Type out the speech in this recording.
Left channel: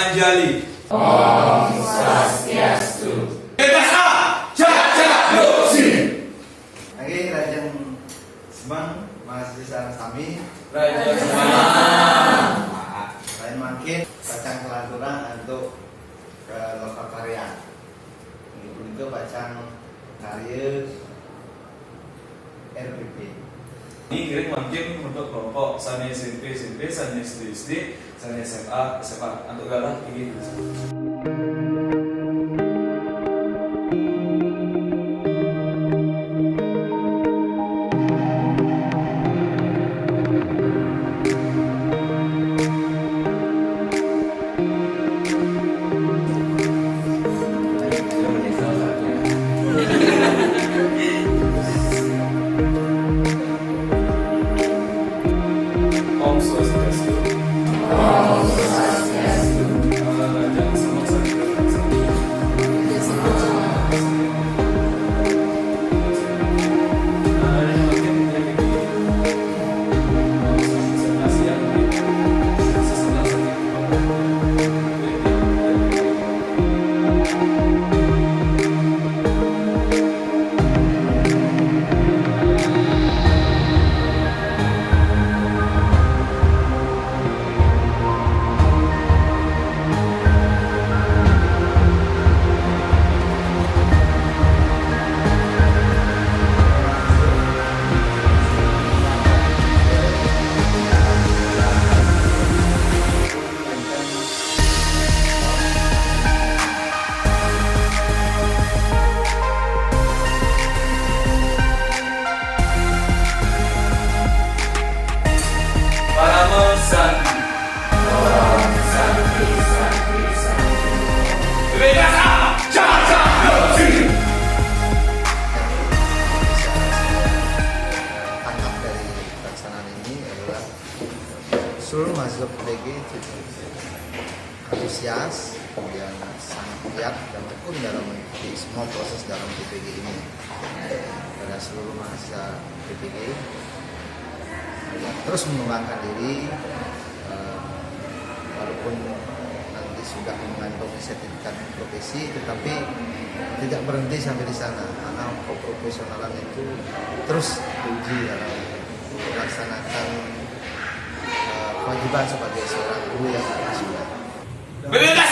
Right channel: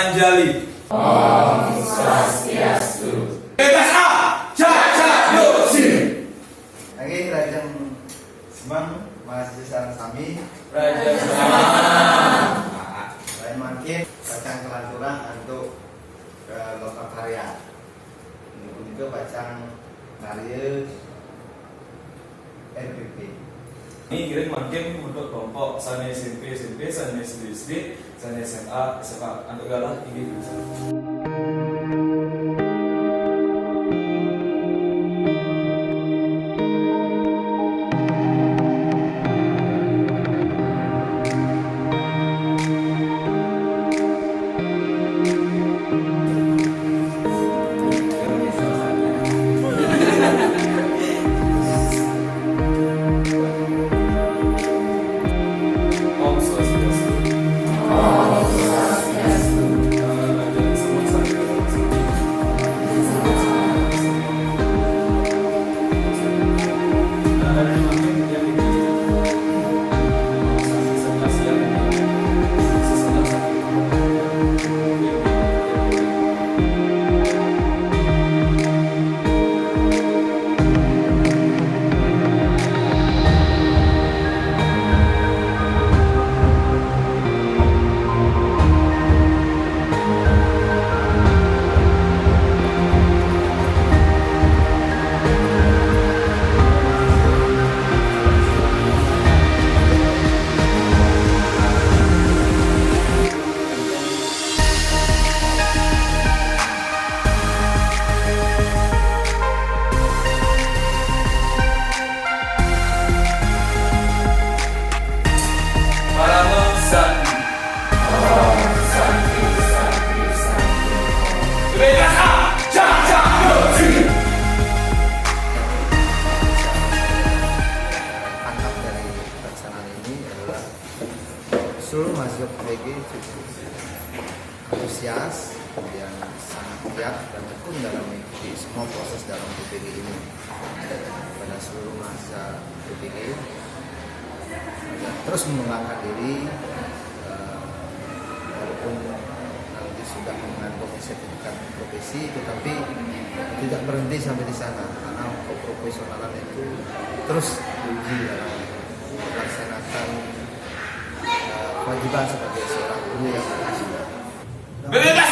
Anjali. Om Swastiastu. Bebas A. Cacadosi. Oke, Raja Semang mahasiswa kami. Raja Semang. Lain makin bacang kelanturan untuk ke lokal karya. Untuk bacang karya RPP. Ini kira mungkin untuk kelompok sana SMP, sana SD, sana SMA, untuk galah ini. Om Swastiastu. Om Swastiastu. Raja Semang Tangkap dari pelaksanaan ini adalah seluruh mahasiswa PTG antusias, kemudian sangat giat dan tekun dalam mengikuti semua proses dalam PTG ini. Pada seluruh mahasiswa PTG agar terus mengembangkan diri, walaupun nanti sudah mengantongi sertifikat profesi, tetapi tidak berhenti sampai di sana, karena keprofesionalan itu terus diuji dalam melaksanakan kewajiban sebagai seorang guru yang sudah. Bebas